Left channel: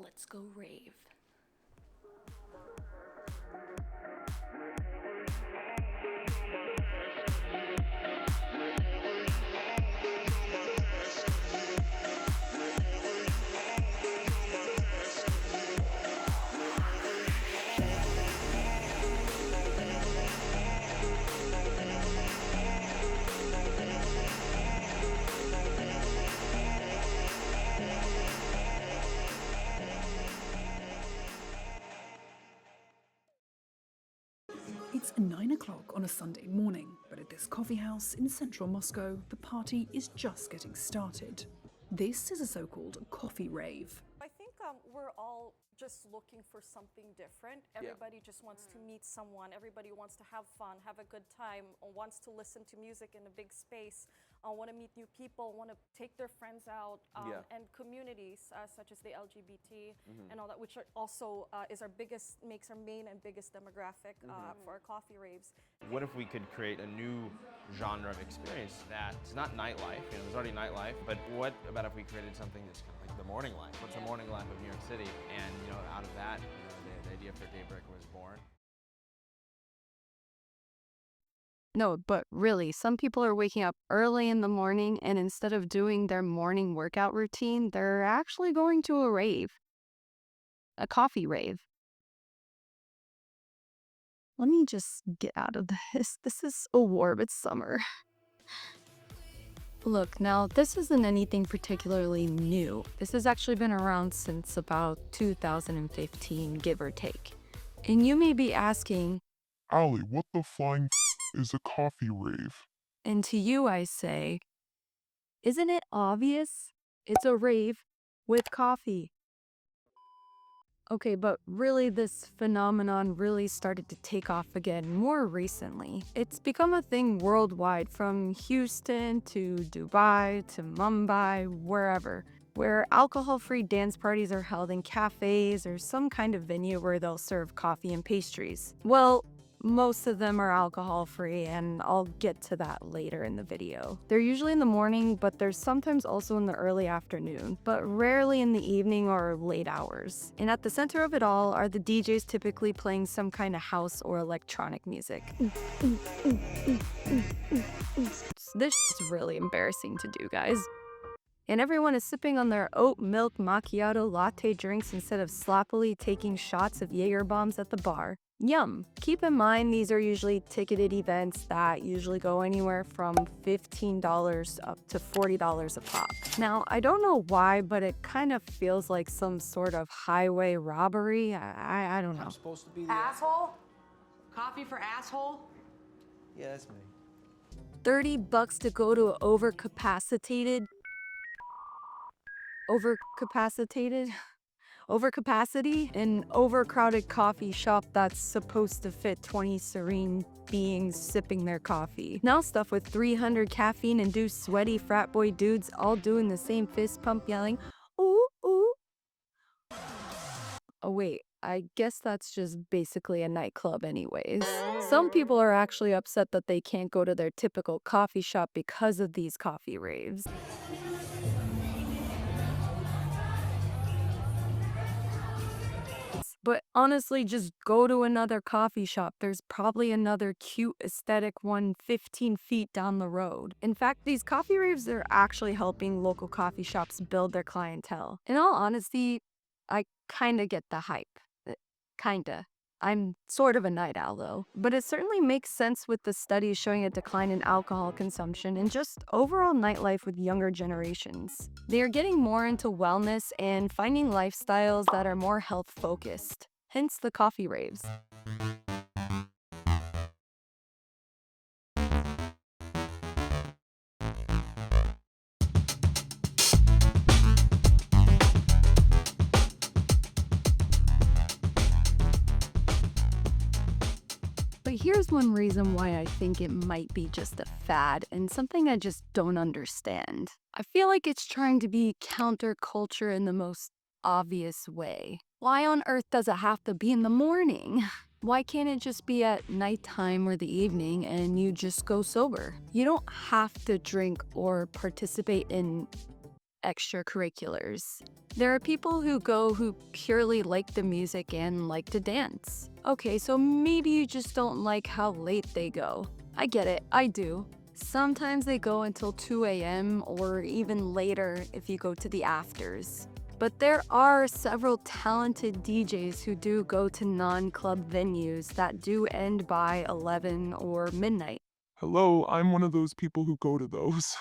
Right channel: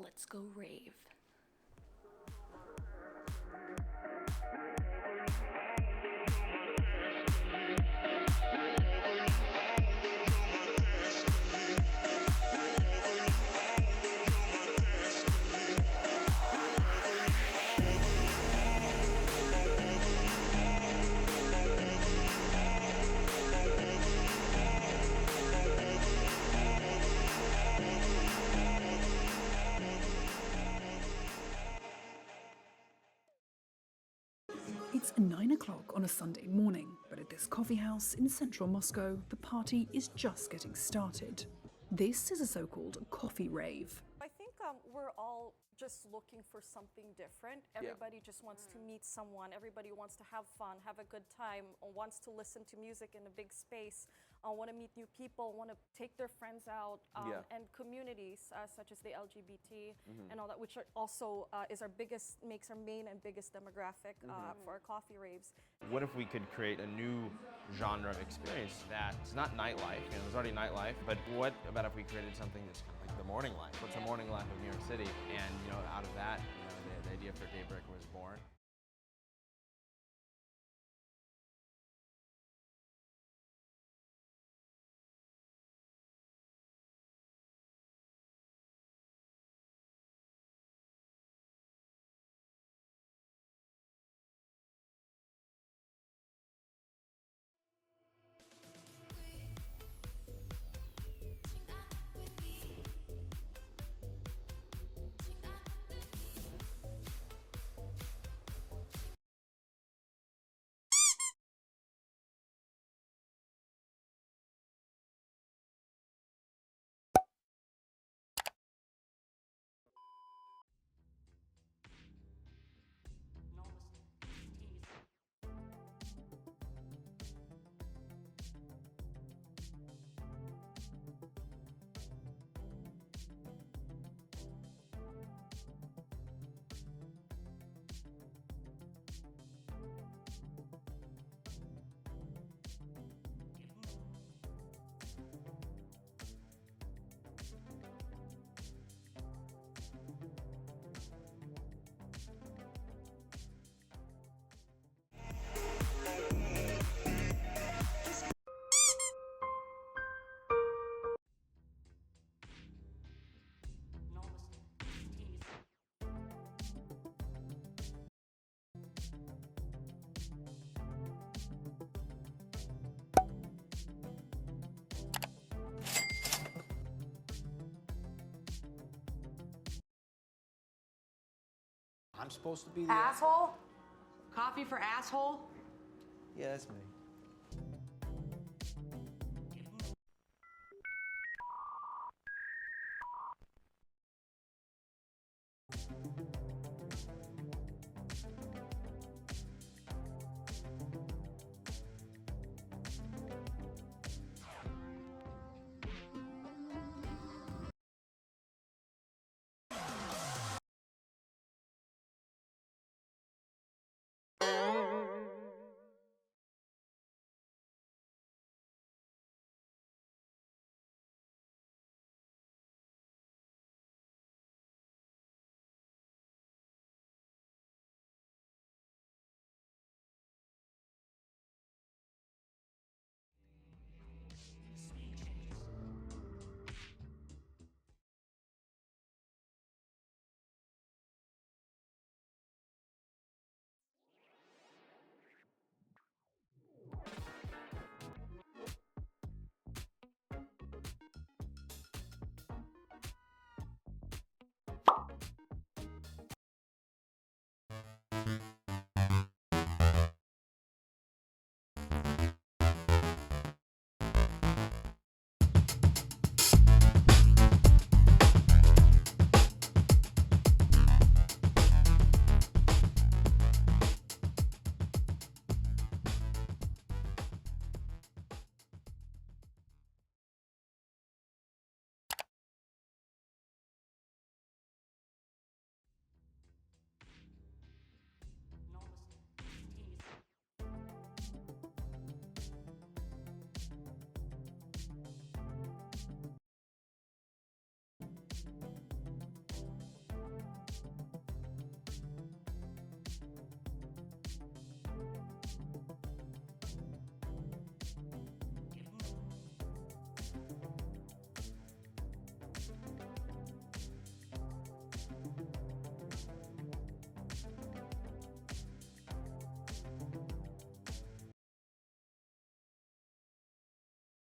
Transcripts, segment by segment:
Let's go rave. It's 9 o'clock on a Sunday morning, but at this coffee house in central Moscow, the party is just getting started. This is a so-called coffee rave. I think we're all just looking for something different. Everybody just wants to meet someone. Everybody wants to have fun, have a good time, wants to listen to music in a big space, want to meet new people, want to take their friends out, and communities such as the LGBT and all that, which are also makes our main and biggest demographic for our coffee raves. What if we could create a new genre of experience that's not nightlife? You know, there's already nightlife, but what about if we created something that's kind of like the morning life? What's the morning life of New York City? And you know, out of that, you know, the idea for Daybreak was born. No, but really, some people are waking up early in the morning and instead of doing their morning workout routine, they're actually going to a rave, a coffee rave. Let me just get out of this. This is a war, it's summer. Look, now, this isn't anything particularly new. This has actually been around since about 2015, give or take. And you may be asking, Ali, what the flying is a coffee rave? and to you I say, isn't it obvious? It's a rave with coffee. Okay, but really this phenomenon really started to take off again more recently. It's become a thing worldwide, from Houston to Dubai to Mumbai, wherever, where alcohol-free dance parties are held in cafes or some kind of venue where they'll serve coffee and pastries. Well, most of them are alcohol-free, and I'll get to that later in the video. They're usually in the morning, but they're sometimes also in the early afternoon, but rarely in the evening or late hours. And at the center of it all are the DJs typically playing some kind of house or electronic music. This is really embarrassing to do, guys. And everyone is sipping on their oat milk macchiato latte drinks instead of sloppily taking shots of Jaeger bombs at the bar. Yum! Keep in mind, these are usually ticketed events that usually go anywhere from $15 up to $40 a pop. Now, I don't know why, but it kind of feels like some sort of highway robbery. I don't know. I'm supposed to be the Asshole? Coffee for asshole? Yeah, that's me. $30 to go to an overcapacity, an overcrowded coffee shop that's supposed to fit 20 serene beings sipping their coffee. Now stuffed with 300 caffeine-induced sweaty frat boy dudes all doing the same fist pump yelling, ooh, ooh. Oh wait, I guess that's just basically a nightclub anyways. Some people are actually upset that they can't go to their typical coffee shop because of these coffee raves. But honestly, just go to another coffee shop. There's probably another cute aesthetic one 15 feet down the road. In fact, these coffee raves are actually helping local coffee shops build their clientele. In all honesty, I kinda get the hype. Kinda. I'm sort of a night owl though. But it certainly makes sense with the studies showing a decline in alcohol consumption and just overall nightlife with younger generations. They are getting more into wellness and finding lifestyles that are more health focused. Hence the coffee raves. But here's one reason why I think it might be just a fad and something I just don't understand. I feel like it's trying to be counterculture in the most obvious way. Why on earth does it have to be in the morning? Why can't it just be at nighttime or the evening and you just go sober? You don't have to drink or participate in extracurriculars. There are people who go who purely like the music and like to dance. Okay, so maybe you just don't like how late they go. I get it, I do. Sometimes they go until 2 a.m. or even later if you go to the afters. But there are several talented DJs who do go to non-club venues that do end by 11 or midnight. Hello, I'm one of those people who go to those.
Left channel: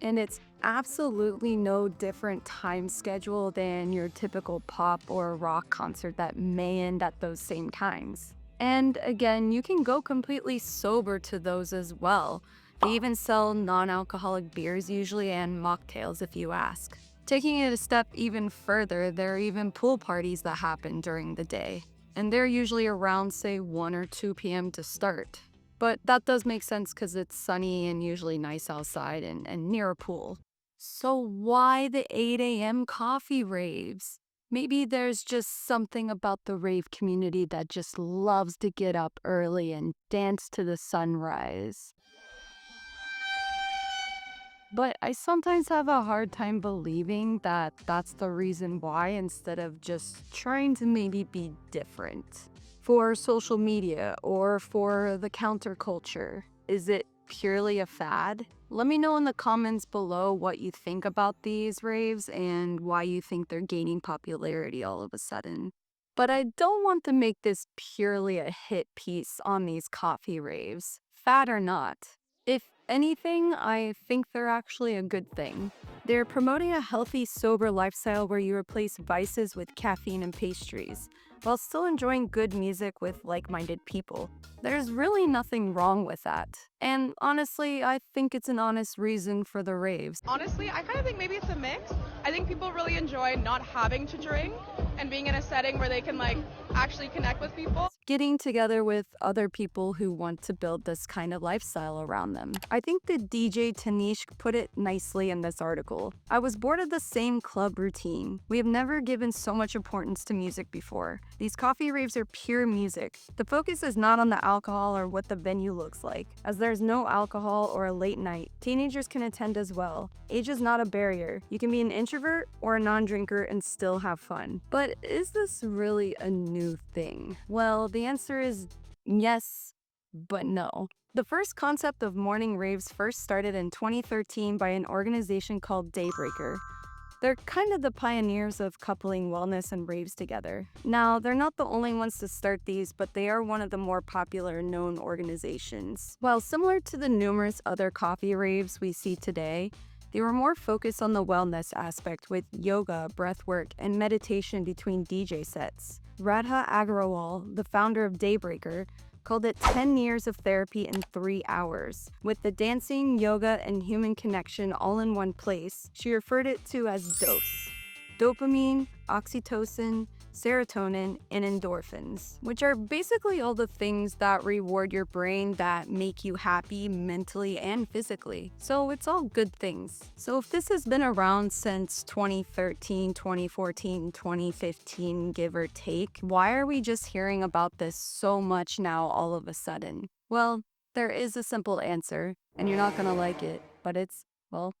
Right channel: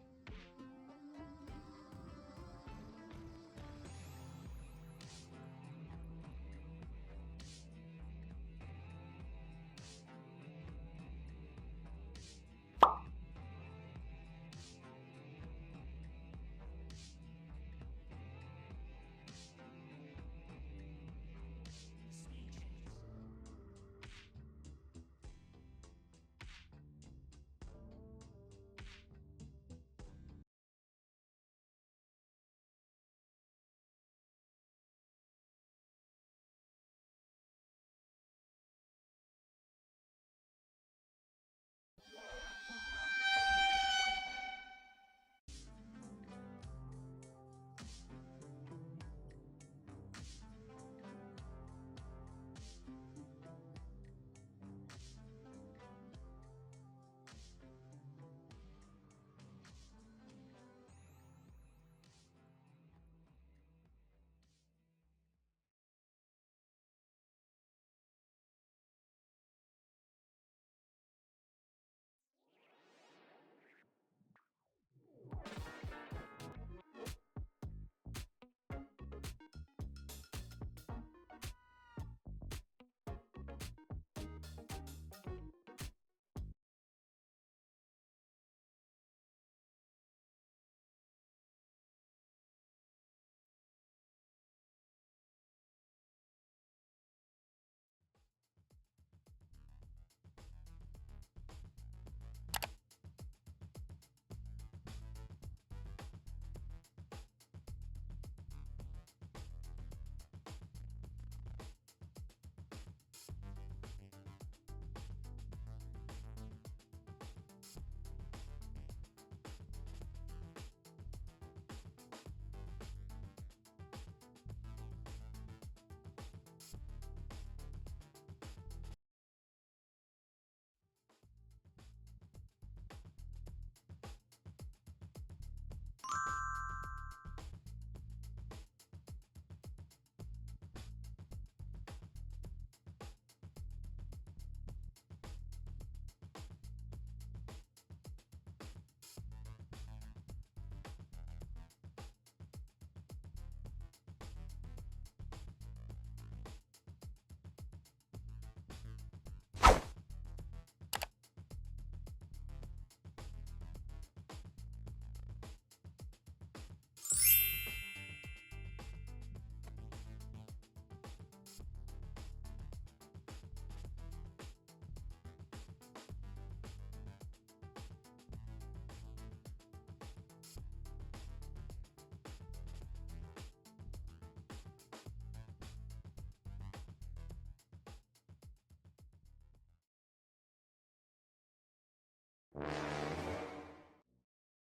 And it's absolutely no different time schedule than your typical pop or rock concert that may end at those same times. And again, you can go completely sober to those as well. They even sell non-alcoholic beers usually and mocktails if you ask. Taking it a step even further, there are even pool parties that happen during the day. And they're usually around, say, 1 or 2 p.m. to start. But that does make sense because it's sunny and usually nice outside and near a pool. So why the 8 a.m. coffee raves? Maybe there's just something about the rave community that just loves to get up early and dance to the sunrise. But I sometimes have a hard time believing that that's the reason why instead of just trying to maybe be different. For social media or for the counterculture, is it purely a fad? Let me know in the comments below what you think about these raves and why you think they're gaining popularity all of a sudden. But I don't want to make this purely a hit piece on these coffee raves, fad or not. If anything, I think they're actually a good thing. They're promoting a healthy, sober lifestyle where you replace vices with caffeine and pastries, while still enjoying good music with like-minded people. There's really nothing wrong with that. And honestly, I think it's an honest reason for the raves. Honestly, I kind of think maybe it's a mix. I think people really enjoy not having to drink and being in a setting where they can actually connect with people. Getting together with other people who want to build this kind of lifestyle around them. I think the DJ Tanishq put it nicely in this article. I was bored of the same club routine. We have never given so much importance to music before. These coffee raves are pure music. The focus is not on the alcohol or what the venue looks like. As there's no alcohol or a late night, teenagers can attend as well. Age is not a barrier. You can be an introvert or a non-drinker and still have fun. But is this really a new thing? Well, the answer is yes, but no. The first concept of morning raves first started in 2013 by an organization called Daybreaker. They're kind of the pioneers of coupling wellness and raves together. Now, they're not the only ones to start these, but they are one of the more popular known organizations. While similar to the numerous other coffee raves we see today, they were more focused on the wellness aspect with yoga, breathwork, and meditation between DJ sets. Radha Agrawal, the founder of Daybreaker, called it 10 years of therapy in 3 hours. With the dancing, yoga, and human connection all in one place, she referred it to as DOSE. Dopamine, oxytocin, serotonin, and endorphins, which are basically all the things that reward your brain that make you happy mentally and physically. So it's all good things. So if this has been around since 2013, 2014, 2015, give or take, why are we just hearing about this so much now all of a sudden? Well, there is a simple answer, and you're not gonna like it, but it's, well,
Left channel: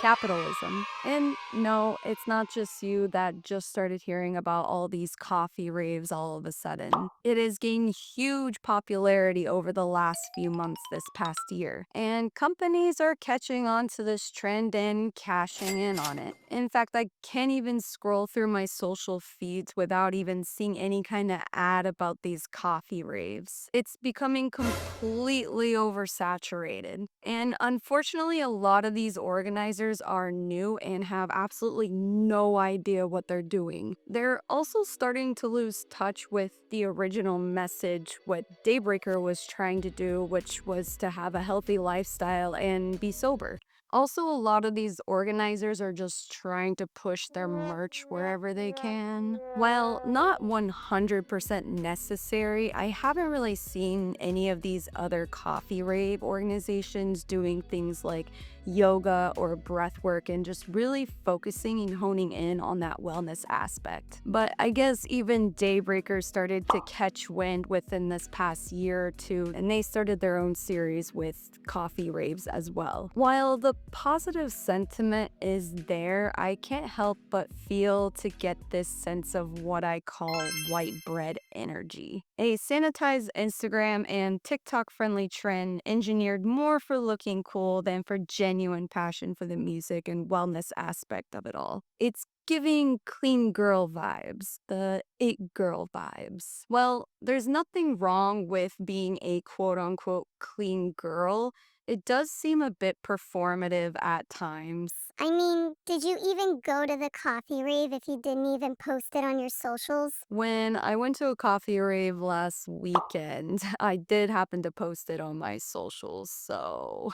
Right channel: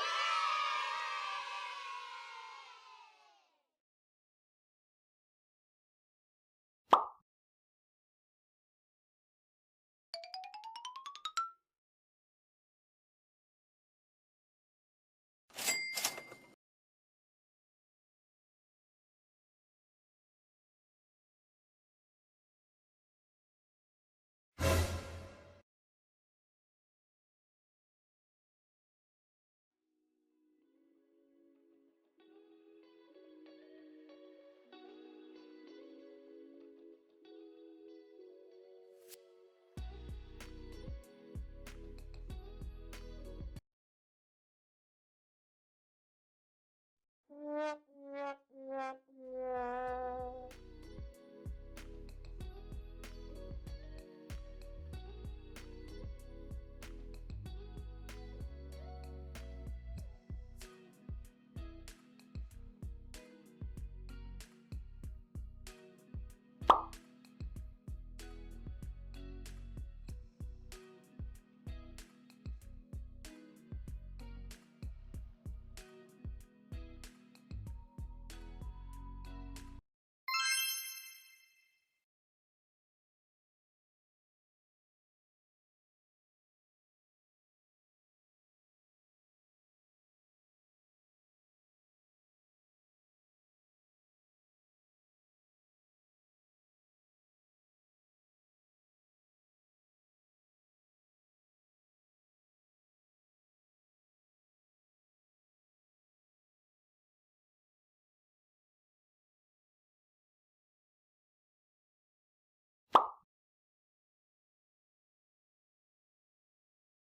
capitalism. And no, it's not just you that just started hearing about all these coffee raves all of a sudden. It has gained huge popularity over the last few months this past year. And companies are catching on to this trend and cashing in on it. In fact, I can't even scroll through my social feeds without even seeing any kind of ad about these coffee raves. It's becoming completely oversaturated. And unfortunately, a lot of these organizers are new and have absolutely no idea what they're doing. They're also starting to lose touch with the original message, what Daybreaker was trying to do, which was to have a healthy lifestyle and be sober. Also, a lot of these organizers are just trying to push their merch wherever they can. While not 100% necessary, I haven't really seen any of these other coffee rave organizations doing things like yoga or breath work and just really focusing and honing in on that wellness aspect. But I guess even daybreakers started to catch wind within this past year or two, and they started their own series with coffee raves as well. While the positive sentiment is there, I can't help but feel to get this sense of what I call white bread energy. A sanitized Instagram and TikTok friendly trend engineered more for looking cool than for genuine passion for the music and wellness aspect of it all. It's giving clean girl vibes, the it girl vibes. Well, there's nothing wrong with being a quote unquote clean girl. It does seem a bit performative at times. I mean, did you even go to the coffee rave if you didn't even post it on your socials? When I went to a coffee rave last weekend, I did happen to post it on my socials, so.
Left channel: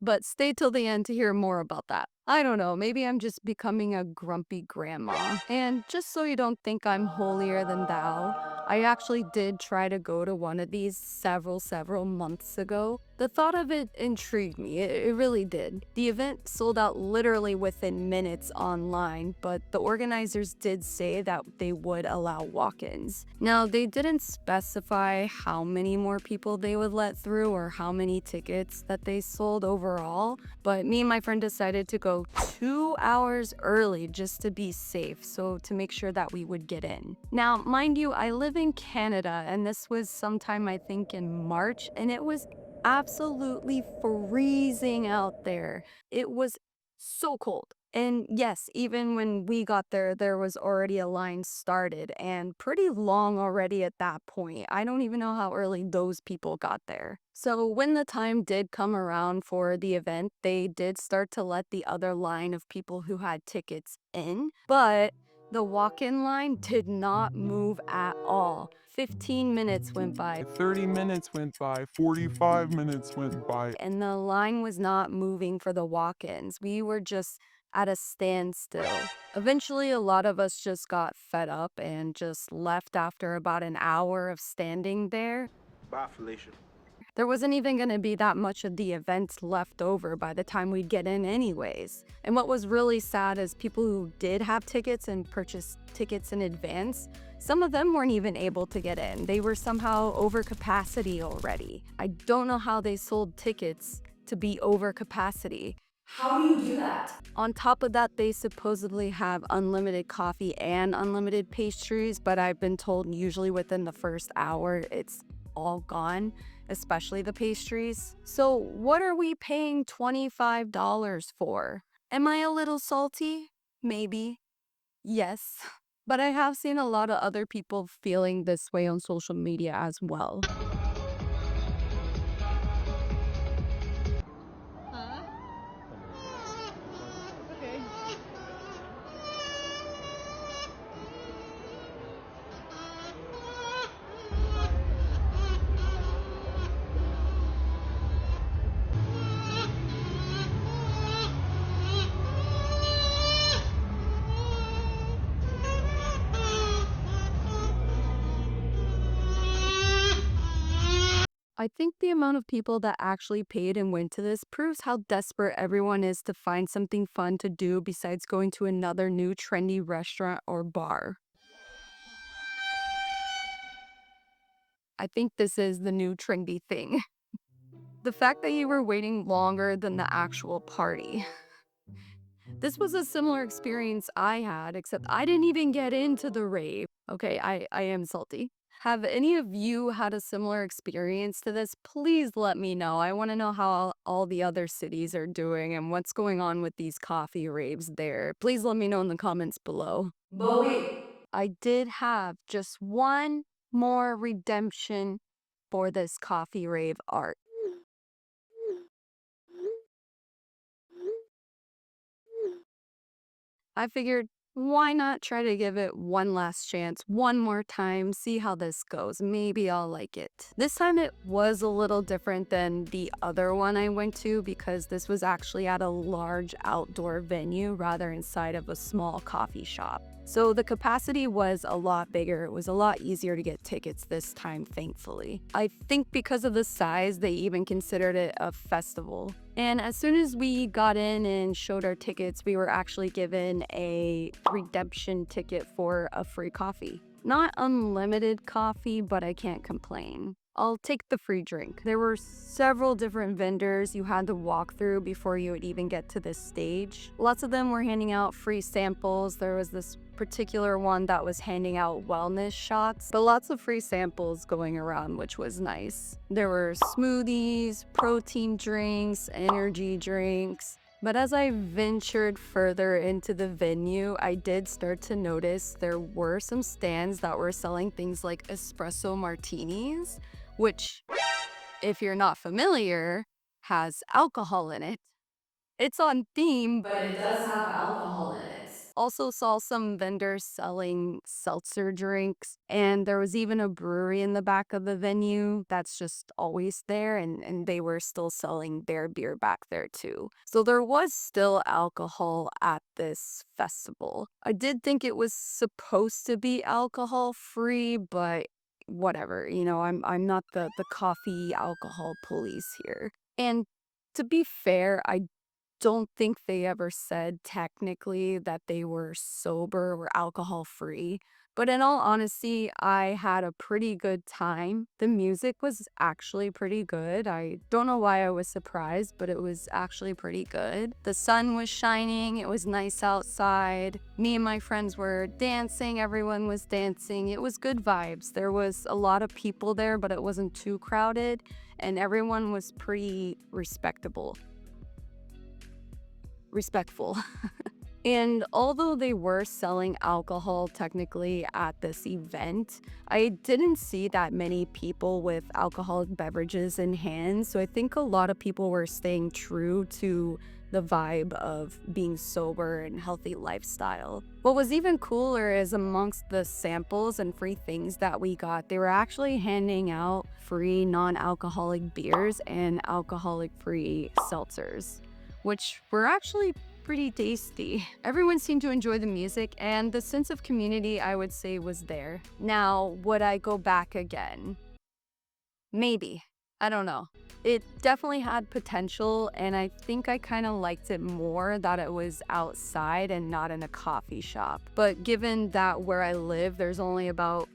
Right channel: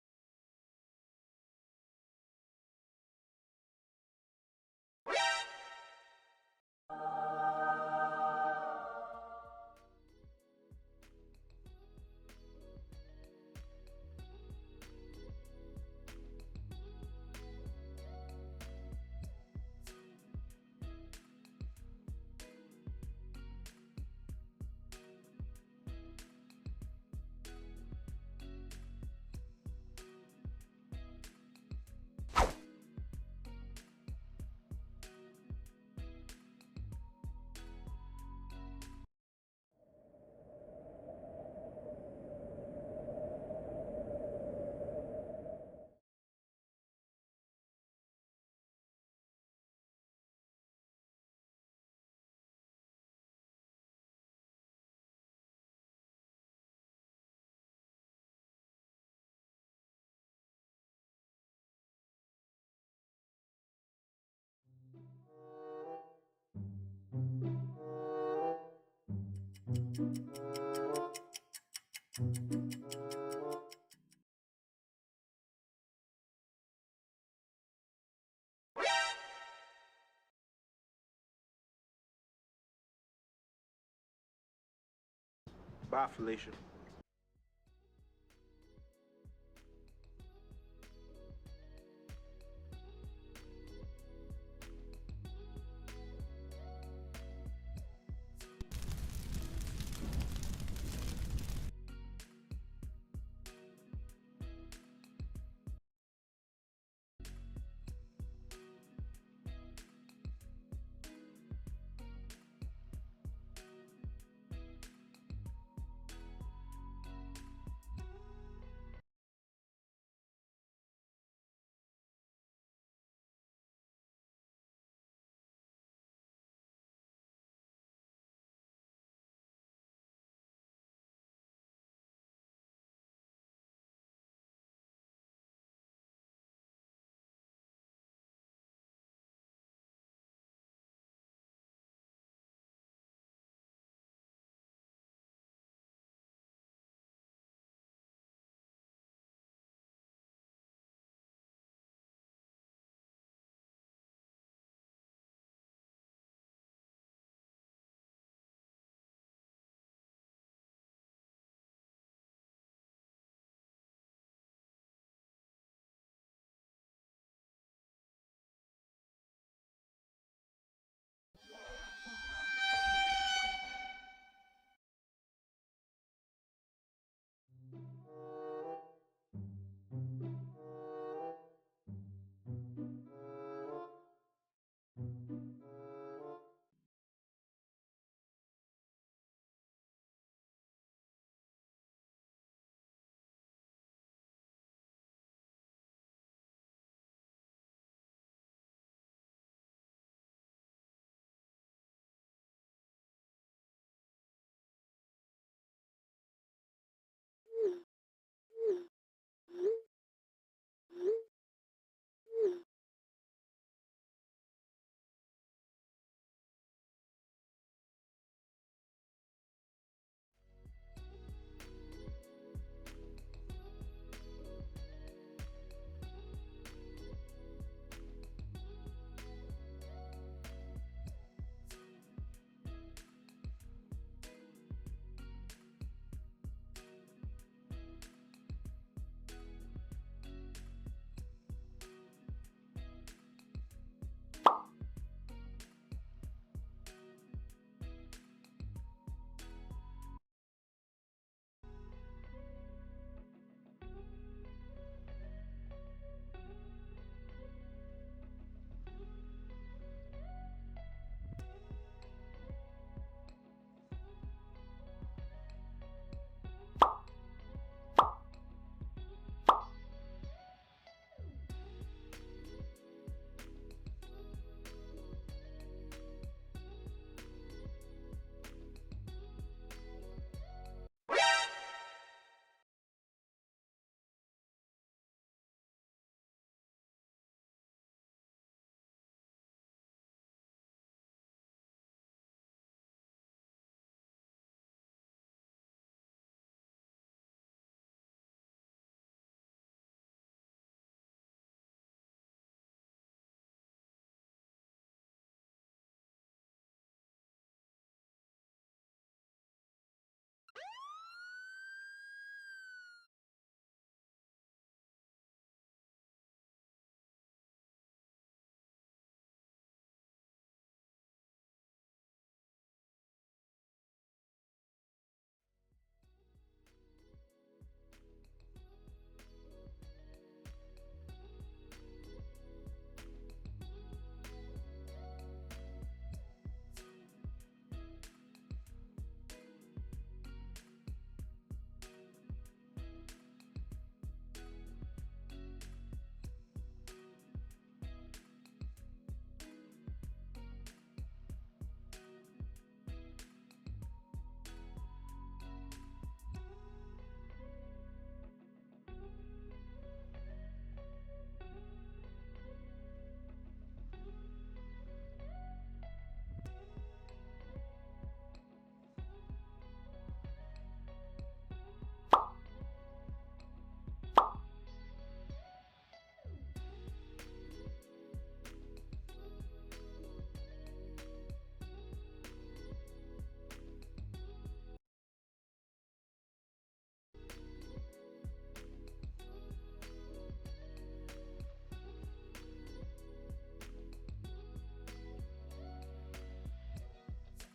But stay till the end to hear more about that. I don't know, maybe I'm just becoming a grumpy grandma. And just so you don't think I'm holier than thou, I actually did try to go to one of these several months ago. The thought of it intrigued me, it really did. The event sold out literally within minutes online, but the organizers did say that they would allow walk-ins. Now, they didn't specify how many more people they would let through or how many tickets that they sold overall, but me and my friend decided to go 2 hours early just to be safe, so to make sure that we would get in. Now, mind you, I live in Canada, and this was sometime I think in March, and it was absolutely freezing out there. It was so cold. And yes, even when we got there, there was already a line started and pretty long already at that point. I don't even know how early those people got there. So when the time did come around for the event, they did start to let the other line of people who had tickets in, but the walk-in line did not move at all. 15 minutes went by. 30 minutes went by, 45 minutes went by. And the line was not moving for the walk-ins. We were just at a standstill. Eventually, a lot of us just got fed up and just left after about an hour of standing there. Bye, Felicia. There wasn't even going to be that much of the event left over by the time we'd get in anyways. And what was really sad is people who did have tickets and purchased tickets in advance, some of them weren't even able to get in. They were somehow over capacity already. I don't know how they sold tickets to be over capacity. How do you do that? On top of that, they supposedly have unlimited coffee and unlimited pastries, but I've been told usually within the first hour, it's all gone, especially the pastries. So what are we paying $25 for? Am I a little salty? Maybe. Yes. But I have seen a lot of other people feeling this way on social media as well. I think the amount of people that actually paid and went to this proves how desperate everyone is to find something fun to do besides going to another new trendy restaurant or bar. I think this is the new trendy thing. The fact that you were waiting longer than the actual party. This was a similar experience I had, except I didn't even get into the rave. Okay, I am salty. Have any of you had a similar experience to this? Please let me know. I want to know how all the other cities are doing and what's going on with these coffee raves there. Please let me know in the comments below. But wait, I did have just one more redemption for this coffee rave art. I figured, why not try to give it one last chance, one more time, see how this goes. Maybe I'll like it. This time it was a little different than the other one I went to because this was actually at a large outdoor venue rather inside of a small coffee shop. So the capacity was a lot bigger. It was a lot easier to get tickets this time, thankfully. I think because of the size, they even considered it a festival. And as soon as we got in and showed our tickets, we were actually given a redemption ticket for a free coffee. Not unlimited coffee, but I can't complain. I'll take the free drink. There were several different vendors you had to walk through before you would even get to this stage. Lots of them were handing out free samples. There was this particular one that was handing out wellness shots, but lots of free samples going around, which was nice. There were smoothies, protein drinks, energy drinks. But as I ventured further into the venue, I did start to notice there were some stands that were selling things like espresso martinis, which, if you're not familiar, has alcohol in it. It's on theme, but it does have alcohol in it. Also saw some vendors selling seltzer drinks, and there was even a brewery in the back of the venue that's just always there, and they were still selling their beer back there too. So there was still alcohol at this festival. I did think it was supposed to be alcohol free, but whatever, I'm not the coffee alcohol police here. And to be fair, I don't think they ever said technically that they were sober or alcohol free. But in all honesty, I had a pretty good time. The music was actually pretty good. I don't know why I was surprised, but it was actually pretty good. The sun was shining, it was nice outside. Me and my friends were dancing, everyone was dancing. It was good vibes. There was a lot of people there, but it wasn't too crowded, and everyone was pretty respectful. And although they were selling alcohol technically at this event, I didn't see that many people with alcoholic beverages in hand. So I think a lot of people were staying true to the vibe of being sober and healthy lifestyle. What was even cooler is amongst the samples and free things that we got, they were actually handing out free non-alcoholic beers and alcoholic-free seltzers, which were actually pretty tasty. Everyone seemed to enjoy the music, and the sense of community, I would say, was there. Now, would I go back again? Maybe. I don't know. It definitely had potential, and I think I kind of liked it more that it was outside and not in a coffee shop. But given that where I live, there's only about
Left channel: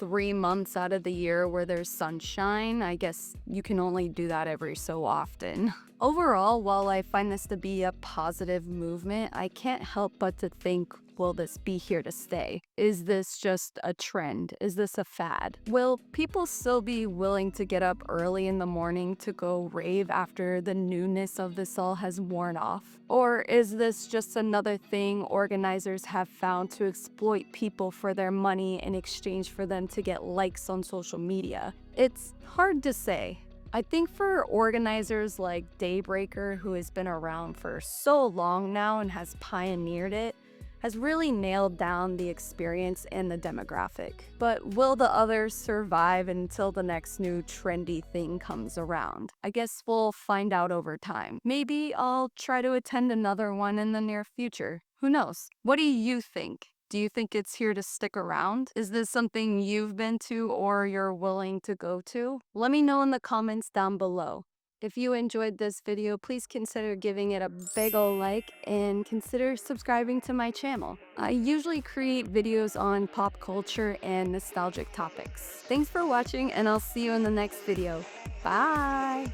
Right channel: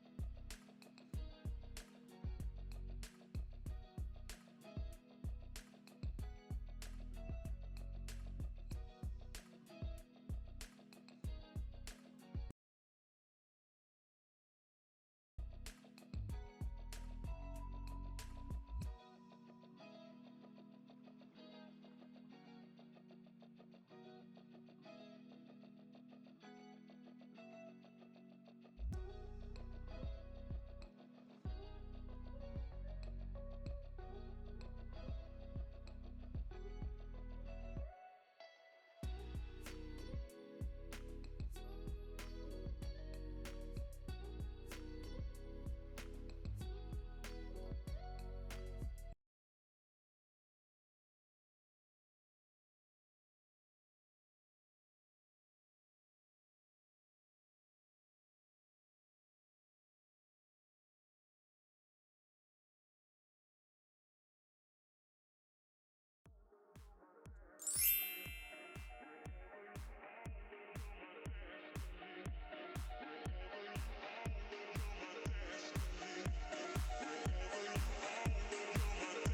3 months out of the year where there's sunshine, I guess you can only do that every so often. Overall, while I find this to be a positive movement, I can't help but to think, will this be here to stay? Is this just a trend? Is this a fad? Will people still be willing to get up early in the morning to go rave after the newness of this all has worn off? Or is this just another thing organizers have found to exploit people for their money in exchange for them to get likes on social media? It's hard to say. I think for organizers like Daybreaker, who has been around for so long now and has pioneered it, has really nailed down the experience and the demographic. But will the others survive until the next new trendy thing comes around? I guess we'll find out over time. Maybe I'll try to attend another one in the near future. Who knows? What do you think? Do you think it's here to stick around? Is this something you've been to or you're willing to go to? Let me know in the comments down below. If you enjoyed this video, please consider giving it a big ol' like and consider subscribing to my channel. I usually create videos on pop culture and nostalgic topics. Thanks for watching, and I'll see you in the next video. Bye!